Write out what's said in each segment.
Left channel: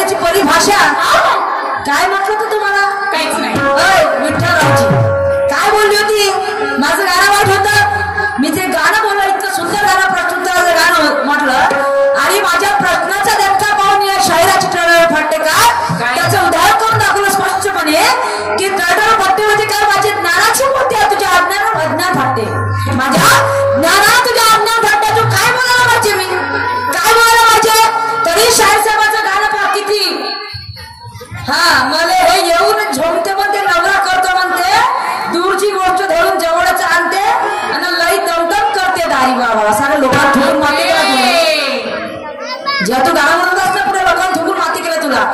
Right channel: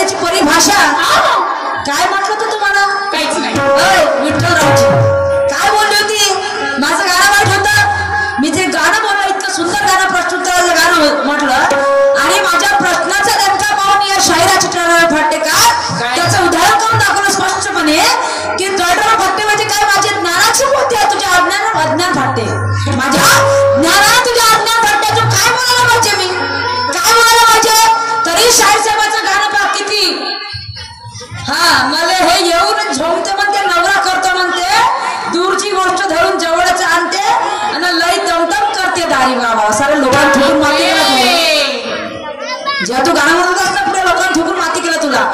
शायरीची परिभाषा काय म्हटलं होतं तुम्हाला? काहीच नाही. विठ्ठलरावजी काय बोलली होती? माझं गाणं वाईट होतं. मी जे गाणं बोललो इतकं सुंदर गाणं प्रश्नोत्तराचं गाणं म्हटलं आणि माझ्या प्रश्नाचा नेमका पाहून या शायराची टळटळ फाटते काय त्याचं उदाहरण करून दाखवलं स्पष्टपणे की टळटळ फाटते म्हणजे काय माझ्या ज्ञानाची बोलते तुझ्या अज्ञान अज्ञान फाटते. माझ्या ज्ञानाला तुझ्या अज्ञान फाटते. तू काय बोलायला पाहिजे? मी काय बोलायला पाहिजे? तरी शाहीर साहेबाचं गाणं पहा किती मला हे येऊन झोमते म्हणते नवरा करतो म्हणते दूरची गोष्ट धरून जवळच आणते आणि लई दमदम करते दारी बाबा सारे लोकांना ठोकून माती केला जेव्हा तू गाणं म्हणत असता पुढे लोकांना ठोकून माती केला तुला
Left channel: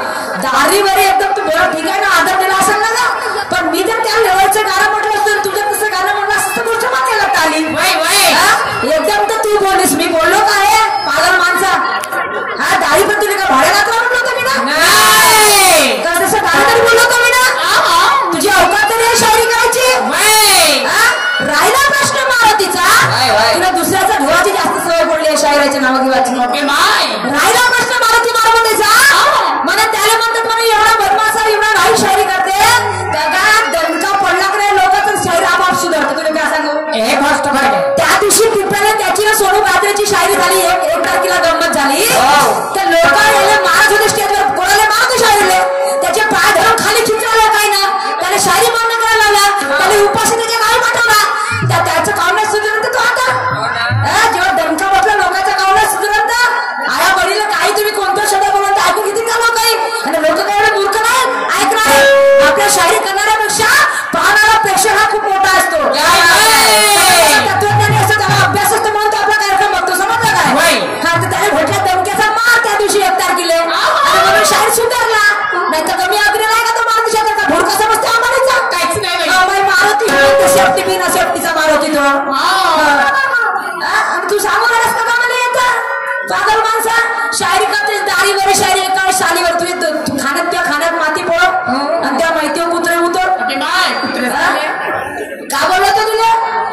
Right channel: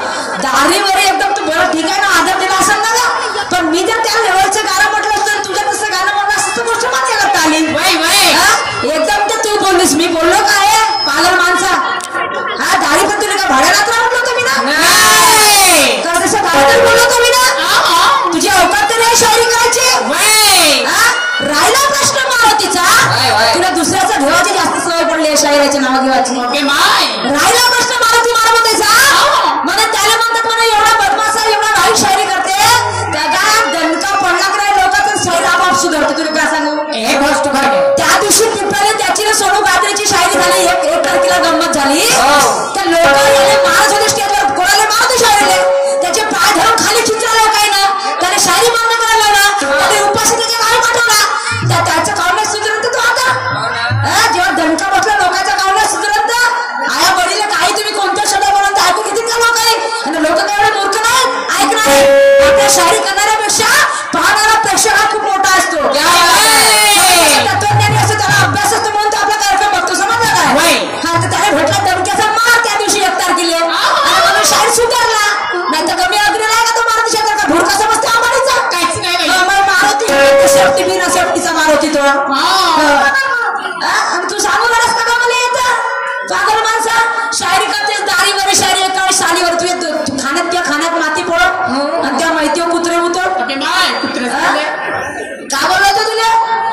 दारीवर एकदम तू बरं ठीक आहे ना आदर दिला असेल ना पण मी जर त्या लेवलचं गाणं म्हटलं असतं तुझं तसं गाणं म्हणलं असतं गोष्ट माती केला आली एकदम तर तू बोललीस मी बोललो काय पागल माणसा हा दारी पण तुला काय भाड्याला म्हणलं होतं मी ना तसं दारी बोललो होतो मी ना तुझी अवकात तरी शायरी करायची राहिला प्रश्न मारुतीचा तुला दुसऱ्याचा ढोळाची जास्त सवय पडली आहे शायराच्या नाव घेवायची राहिला प्रश्न मारुती मारुतीचा म्हणे त्याला म्हणतात म्हणे एवढा बदमाश एवढा वाईट शायरी करते त्याला दणका पडला की नाही लोकांचं शायरी आपोआप सुधारते. तुला काय सांगू त्या दिवशी पिंपळाने त्याची सोडू गाजरीची शायरी झाली एक तारखेला गंमत झाली तर लोकांना महाराज होते स्टेजवर कोणाला मारते शायरीले त्याचे पाय धरून खाली चित्र लोकांना त्याने शायरी बंद करायला लावला त्याने उपाशी त्याच्या काय पाठवला त्याचं कावणे सुधरत तो आता जेव्हा दणका बसला लोकांचा कावणे सुधरत आया वडील काही तुम्ही कोणता शब्द बोलता ऐकू किती का लोक आणि लोक काय एवढे मूर्ख नाही ऐकणार आपल्या शायरी करणाऱ्यापेक्षा पाहणारा प्रेक्षक हा खूप मोठा असतो. तत्वज्ञानी असं त्याला अभ्यास असतो म्हणून तो आपला कार्यक्रम बघतो समजला काय हा तर त्याने भेटला दणक्याचा मार त्या दिवशी एक तारखेला आणि म्हणून शाहीर सुधारला नाही तर कमी अग्री नाही का तो मारुती शेखर का भुरका समजते आम्हाला काहीच नाही मारुती सेफ्टी बी ना सेफ्टीचा मारुती तो आणि तू सांगू नकोस का मला येतं पागल माणसा शायरी करतेस दारीवर शायरी एका शालीवर तू खाण्यात किंवा खाण्यात माती पोळ आणि त्या माहितीवर कुत्रे उतर काय बोललो होतो तुला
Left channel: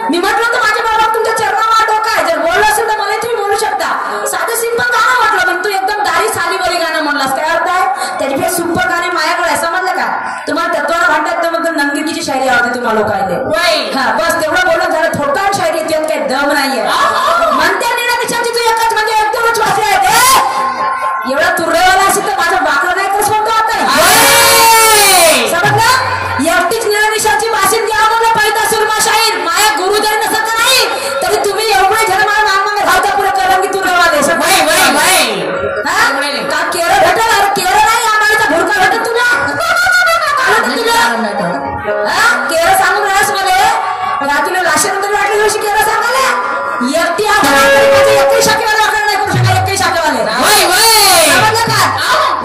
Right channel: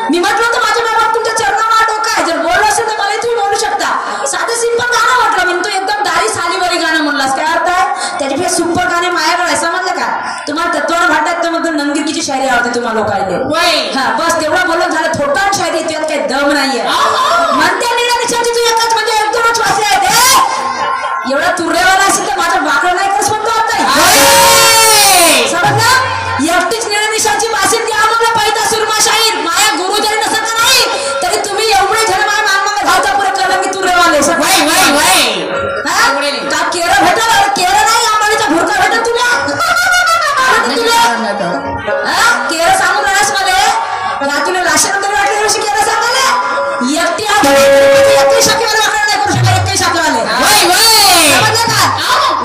मी म्हटलं होतं माझ्या बाबा तुमच्या चरणावर डोका जर बोललो असेल तर मला तुम्ही बोलू शकता साधं सिंपल गाणं म्हटलं पण तू एकदम दारी सालीवरी गाणं म्हणलास काय अर्थ आहे त्याच्यापेक्षा सुपर गाणे माझ्याकडे आहे समजलं का तुम्हाला तत्वाला भांडतात तर मग नंगीकीची शायरी आवडते तुम्हाला लोकांना हा बस तेवढं बोलून झालं थोडं शायरी त्यात काही दम नाहीये म्हणते निळा तू एकच म्हणजे एक दोनच वाचले आहेत एवढा तुर्रेवाला असेल तर माझा बाकडा नाही करस म्हणतो आता समजलं एकटीच निळा निशाची वासिंदी आम्हाला पाहिजे सुरमा शाहीर माया गुरु जरी नसत नाही तरी तुम्ही एवढे जण मला मागणं धावता पुढे करा की तुर्रेवाले का केरळ भेटल केरळ नाही आम्हाला भुरका भेटत तुला केरळ सांगून राहस मला तुला लाशानंतर वाटली दिवशी केरळ सांगायला एकटी एकही शाखेवाले वाकडा नाही करू शकत एकही शाखेवाले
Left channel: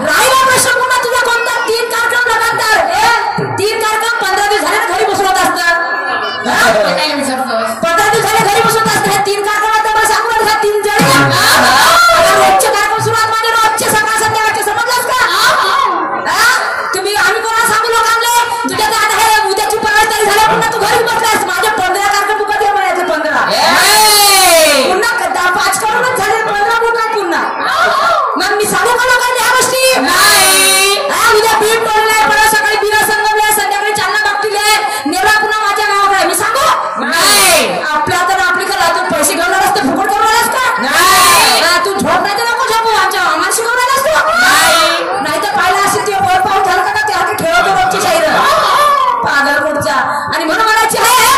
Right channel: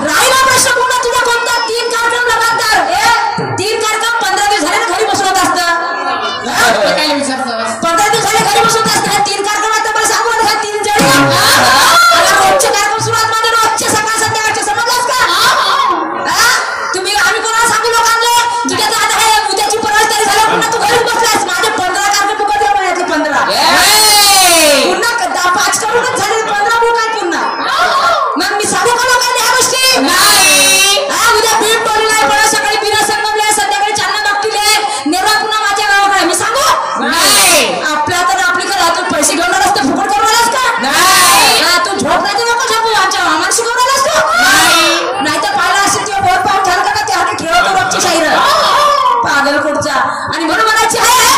राहिला प्रश्न पुन्हा तुझा कोणता 3 कार्यक्रम लगातार 3 कार्यक्रम 15 दिवस झाले घरी बसवत असतात 15 दिवस झाले घरी बसवत असतात 3 कार्यक्रम आता मला सांगू नका 3 जण रोजचे कार्यक्रम सुरुवात माझ्या रोजचे सकाळ संध्याकाळचे समजलास का तुम्ही आम्ही कोणाला सांगू लोकांना तुझ्या दादा आहे उद्याची प्रवास तयारी झाला पुन्हा तू घरी बसलास माझे 15 कार्यक्रम तू कधी म्हणायचे 15 पुन्हा 5 करूनच झाले 15 बुक आहे पुन्हा मग मी सांगू का लोकांनी ह्या गोष्टी नाही उद्या बीड पडले परत सकाळी बिना संगमले संध्याकाळी चांदणा बघतील नेरळा पुन्हा माझ्या नावाकडे मी सांगू नाही आपल्या तर आपली कला तू पैसे घेऊन असते फुकट करणारच का नाही तू झोप नाही तर नको झोपू आमच्या आम्हाला शिकवणार असतो नाही तर पाहिलं असेल तुझ्या बोट पाहून ठरलं का त्याला ठेवतो रोजची शाहीर पागल कुठचा आणि म्हणून म्हणायची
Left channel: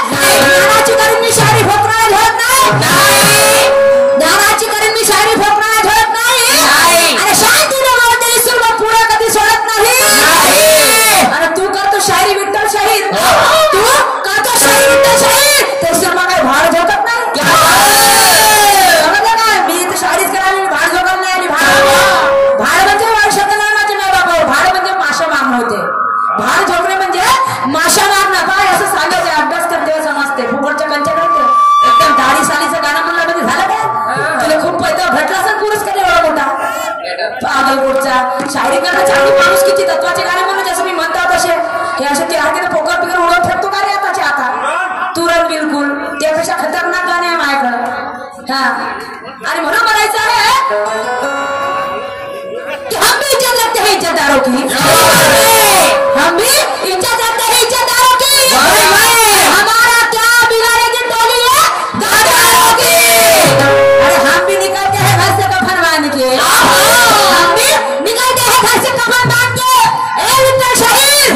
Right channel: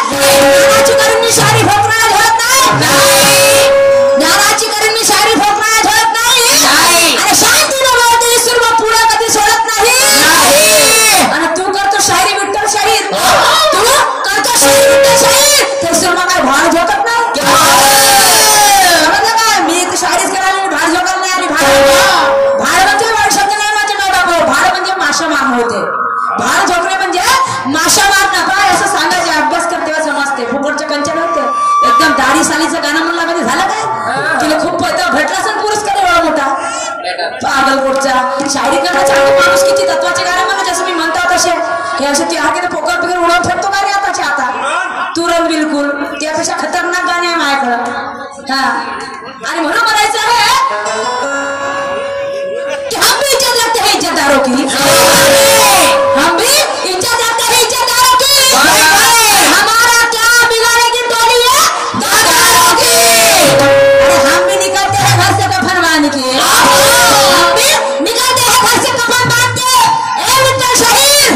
ज्ञानाची करून मी शायरी फोकणारा झळत नाही ज्ञानाची करून मी शायरी फोकणारा झळत नाही आणि शांतीने बोलते सुरमा पुढे कधी सोडत नाही आणि तू करतो शायरी विठ्ठल शाहीर तू करतो शायरी विठ्ठल शाहीर ते सुरमा काय भाड झोकत नाही समजलं का मी तर शायरीच करायला भाड झोकत नाही भाड म्हणजे वाईट शब्द नाही माझे बाबा भाड म्हणजे माशा मागणं होते भाड झोकणे म्हणजे माशा मारणं काय असं सांगायचे अभ्यास करते समजते फुकटच्या कंच्या नव्हते एकदम दाढी सालीचं गाणं म्हणलं म्हणजे झालं काय तुला खूप पैदा भेटला असेल पुरस्कार एवढा मोठा पागल गोडचा शायरी करण्याच्या आधी माणूस किती तत्वाचे गाणे म्हणलं जसं मी म्हणतो तसे हे असे ते हार्गेने पोकर पिकर उडवून फेकतो का रे आताचे आता तुरंत बिलकुल त्यापेक्षा खतरनाक गाणे आहे माझ्याकडं हा आणि म्हणून म्हणायचं आहे की हम भी जन्नत है मानते ए विद्या शाहीर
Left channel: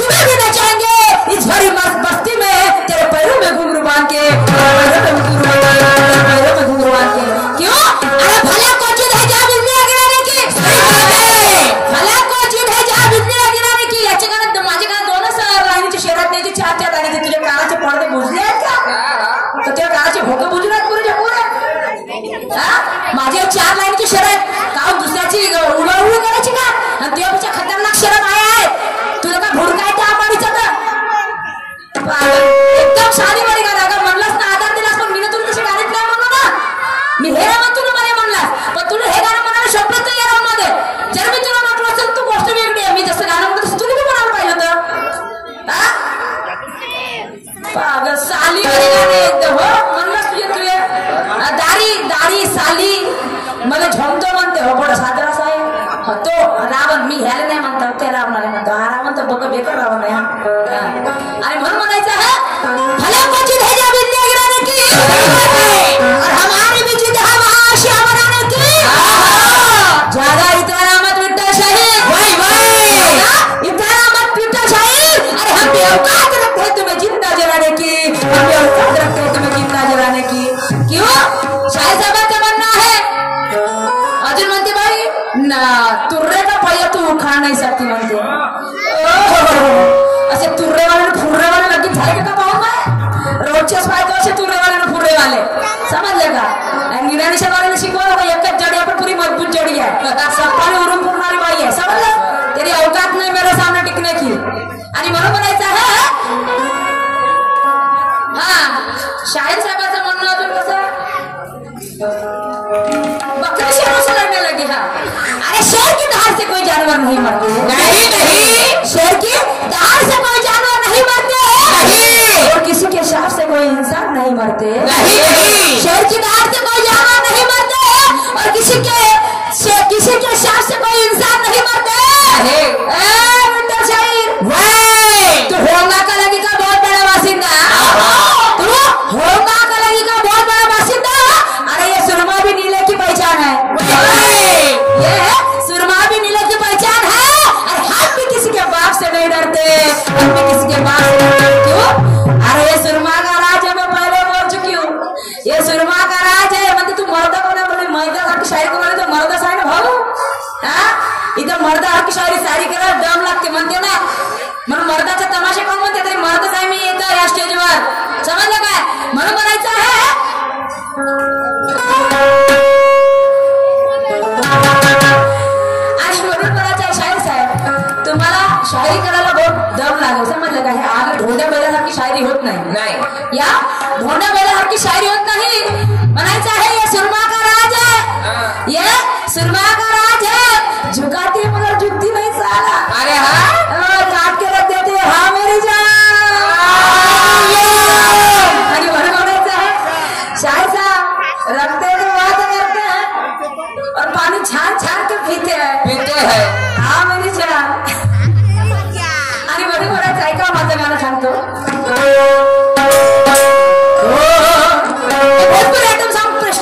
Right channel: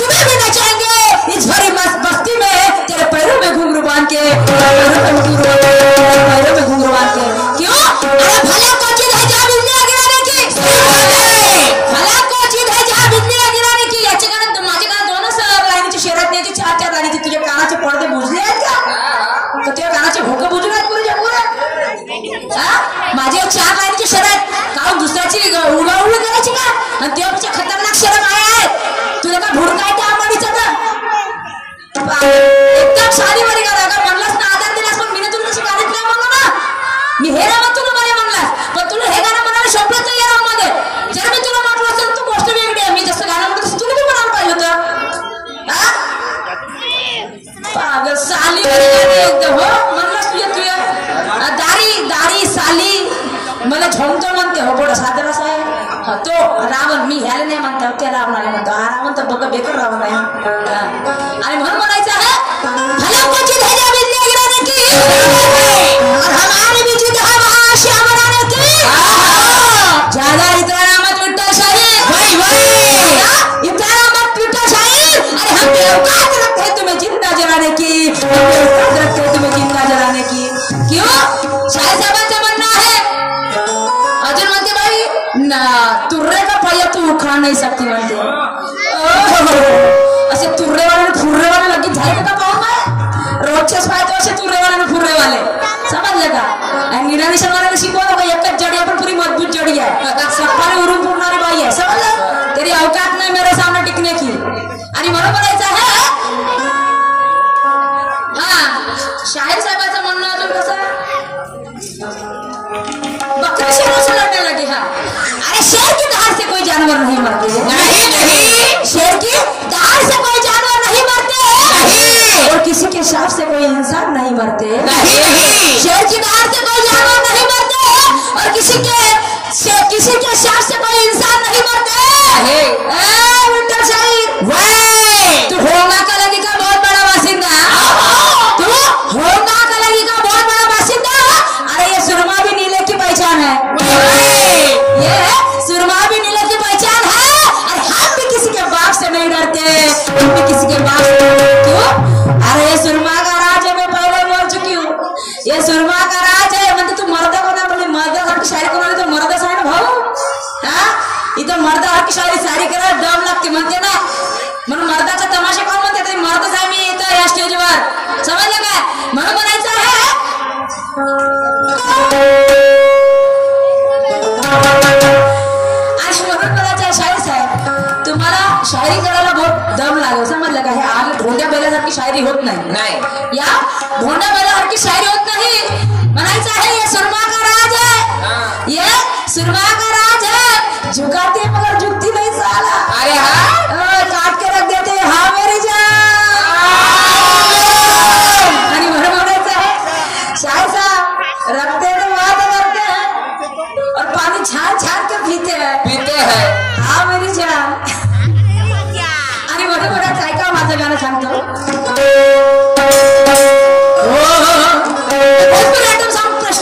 तुम्हें भी नचाएंगे इस भरी बस्ती में तेरे पैरों में घुंघरू बांध के पैरों में घुंघरू बांध के क्यों अरे भला को चीज है जा बिजली गिराने की भला को चीज है जा बिजली गिराने की याचे कारण माझे कान दोन लाईनीच्या शहरात नाही की चार चार लाईनीचे तुझ्या कानाचे पडदे बुजले आहेत का तर त्या कानाचे भोकं बुजले आहेत पुरे जगभर माझे चार लाईनीचे शहरात का दुसऱ्याची उगाउळी करायची का आणि त्यापेक्षा खतरनाक शहर आहे तुला का भोडका आहे त्या आंबाडीचा तर एकदम साधी वाली गाणं का म्हणलास ना आधार दिलास पण मी तुला तशी गाणीत नाही म्हणू ना मी हे ना मग तुला मला म्हणलास पण तुला हे गाणं म्हणायला शोभत नाही या मध्ये जर मी तुला म्हटलं असेल तू गोष्ट वेगळी आहे मी जसं गाणं म्हणतो तसं तुला पण म्हणायला पाहिजे होतं साली वाली गाणं एकदम हो म्हणलास तुझ्या दारी दारी साली मला झोमतो म्हणते हो बडा सादर असा आहे तो रावण मी ह्याला नाही म्हणतो त्याला रावण नाही म्हणतो हा रावण तर बघ बेकार रावण आहे आणि म्हणून म्हणायचं आहे भला को चीज है जा बिजली गिराने की और हमारे बीच जहां महाश्याम बनाने की ज्यादा इतना मत विद्या शाहीर भाई भाई इतना मत विद्या शाहीर अरे हम भी औकात रखते हैं तुम्हें जिंदा जलाने की हम भी औकात रखते हैं तुम्हें जिंदा जलाने की क्यों शाहीर साहब से बनना है अर्जुन म्हणते भाई ना तुर्रे का पाया तू उखाड़ नहीं सकती म्हणते असे तुर्रे वाले फुर्रे वाले लगेच झाले का पाहून काय रोजच्याच पाहतो असे तुर्रे वाले फुर्रे वाले समजलं का आणि गिराणीच्या वाल्याला शिकवलं का एकच जडी आपण पुरी मजबूत जडी आहे सप्पाने उरून फुरणारी बाई आहे समजलं तेरी औकात नाही मेरे सामने टिकने की आणि म्हणून म्हणायचं आहे हा शाहीर साहेबाचं म्हणणं अजून कसं बकरी शेरों से लड़ने लगी हाँ अरे शेर की दहाड़ से कोई जानवर नहीं मरते नहीं नहीं शेर की दहाड़ से कोई जानवर नहीं मरते नहीं और किसी के शाप से कोई इंसान नहीं मरते नहीं शेर की दहाड़ से कोई जानवर नहीं मरते और किसी के शाप से कोई इंसान नहीं मरते विंटर शाहीर तो होगा का लगेगा बहुत बड़ा बासिंदा तो होगा का लगेगा बहुत बड़ा बासिंदा अरे ये सुरमा भी नीले की पहचान है ये सुरमा भी नीले की पहचान है और हम भी किसी के बाप से नहीं डरते हम भी किसी के बाप से नहीं डरते क्यों अरे ये सुरमा का राज है मैं पहले बोल चुकी हूँ ये सुरमा का राज है मतलब तू मर्दा को ना बोले मर्दा और शायरी को बोले तो मर्दा साई ना भाऊ इथं मर्दा और शायरी सारी करा दम लागते म्हणते ना म्हणून मर्दाचे तमाशे कोण म्हणते तरी मर्दा साई मी इथं या स्टेजवर समजलं काय म्हणून म्हणायचं आहे शायरी करायला बहुत दम लागेल समजलं का हे आम्ही ढोंड्या बैलासारखी शायरी होत नाही या ढोंड्या बैलासारखी शायरी होत नाही म्हणायचं आहे ये सुरमा का राज है ये सुरमा का राज है झुकाती मगर झुकती नहीं साला अरे हाँ काट के रख देते हाँ मेरी जान आणि म्हणायचं आहे शायर साहब रखते तो बात करते हैं और पानी छान छान के पीते हैं हाँ मेरी जान गाना सांगतो एकदम सॉन्ग प्रश्न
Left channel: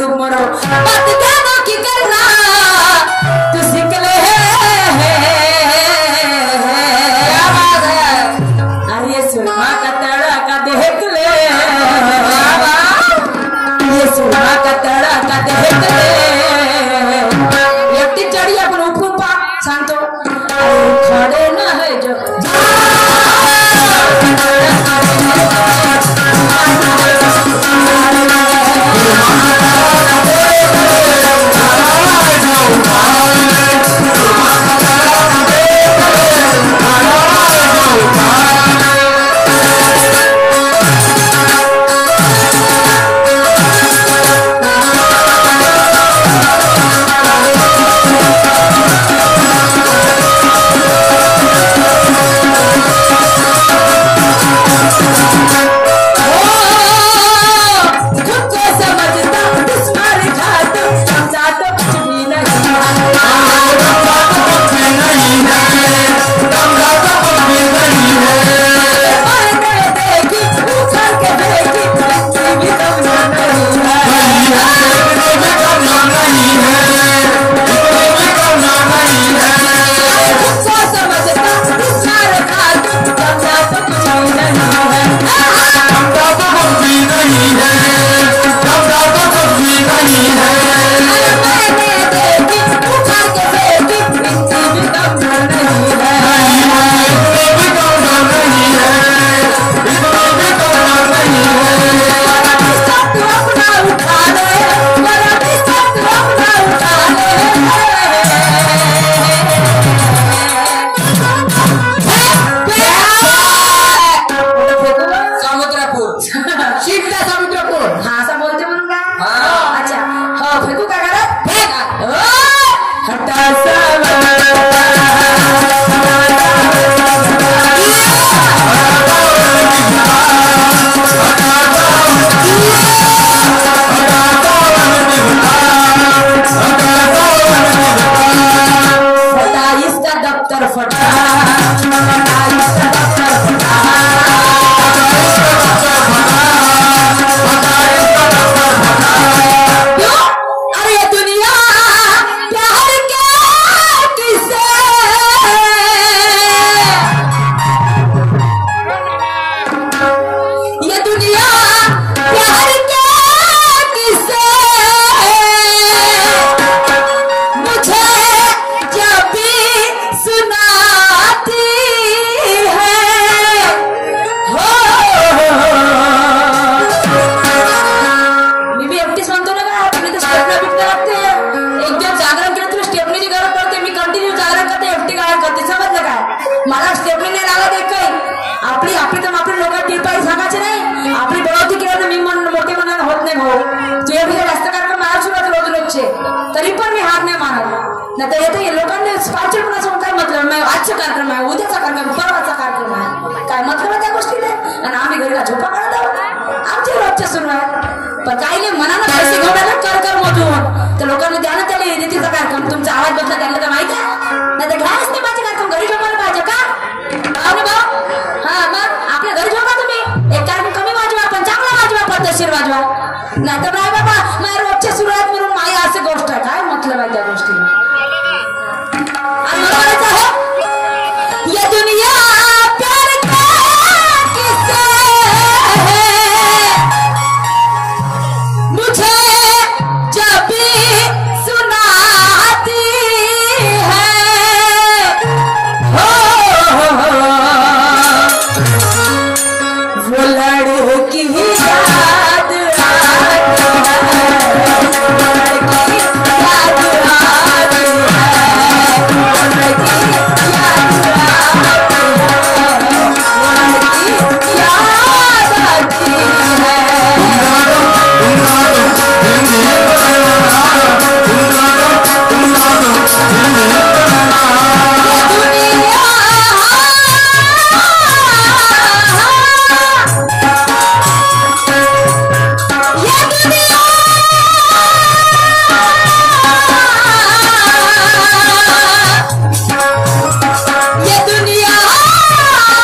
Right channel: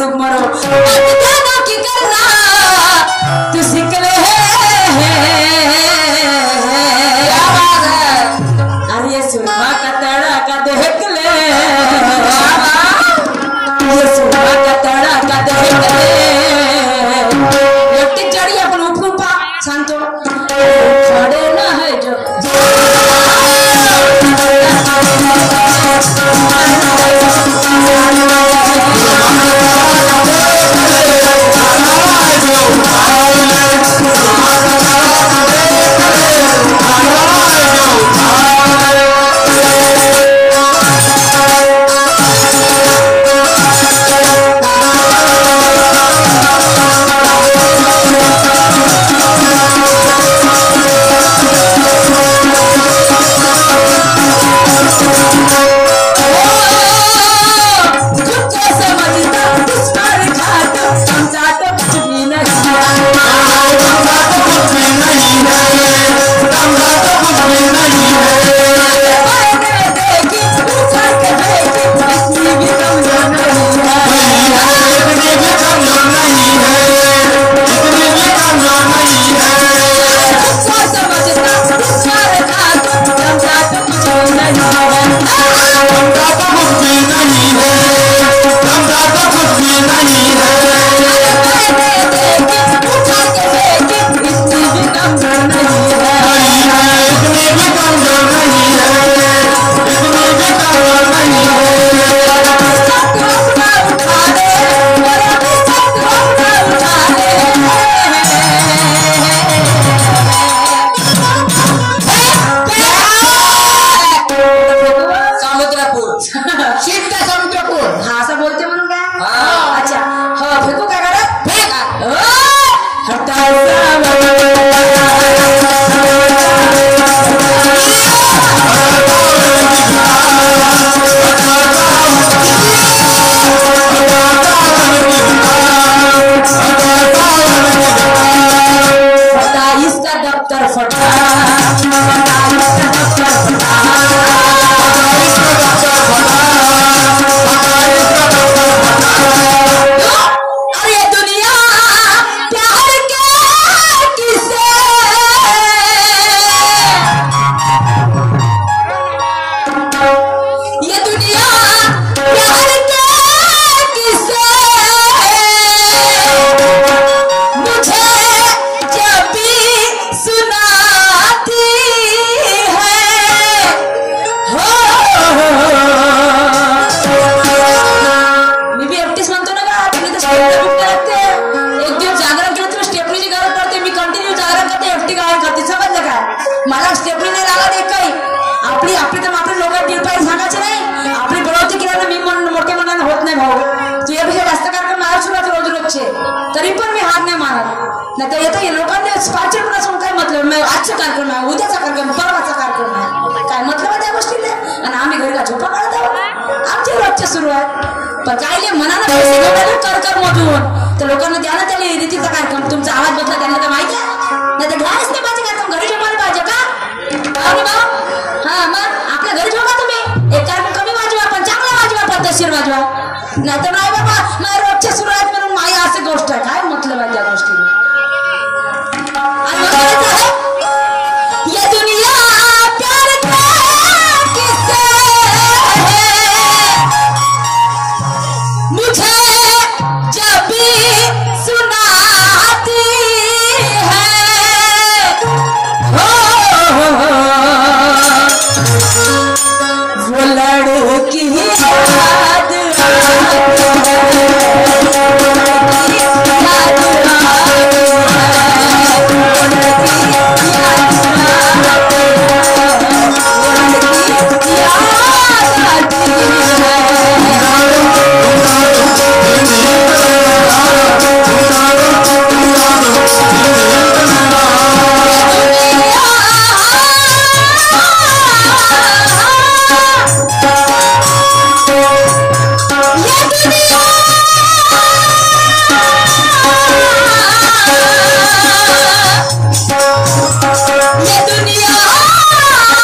डूब मरो बात जानो की करना तू सिकले आवाज है अरे सुरमा का तड़का देख ले ये सुरमा का तड़का देख ले एकटी चढ़ी अपन ऊपर पा सांगतो खड़े ना है जो तरी पण मी हार नाही मानत नाही तर येतं लोकांनी पाचून काय मतलब नाही आजचा कार्यक्रम आहे उद्याचा कार्यक्रम परवाचा कार्यक्रम आहे काय मतलब आहे त्या गोष्टीला आणि आम्ही घरीला झोपा काढत आहोत आमचे रोजच्या सुरू आहे पण काही मनानं पैसे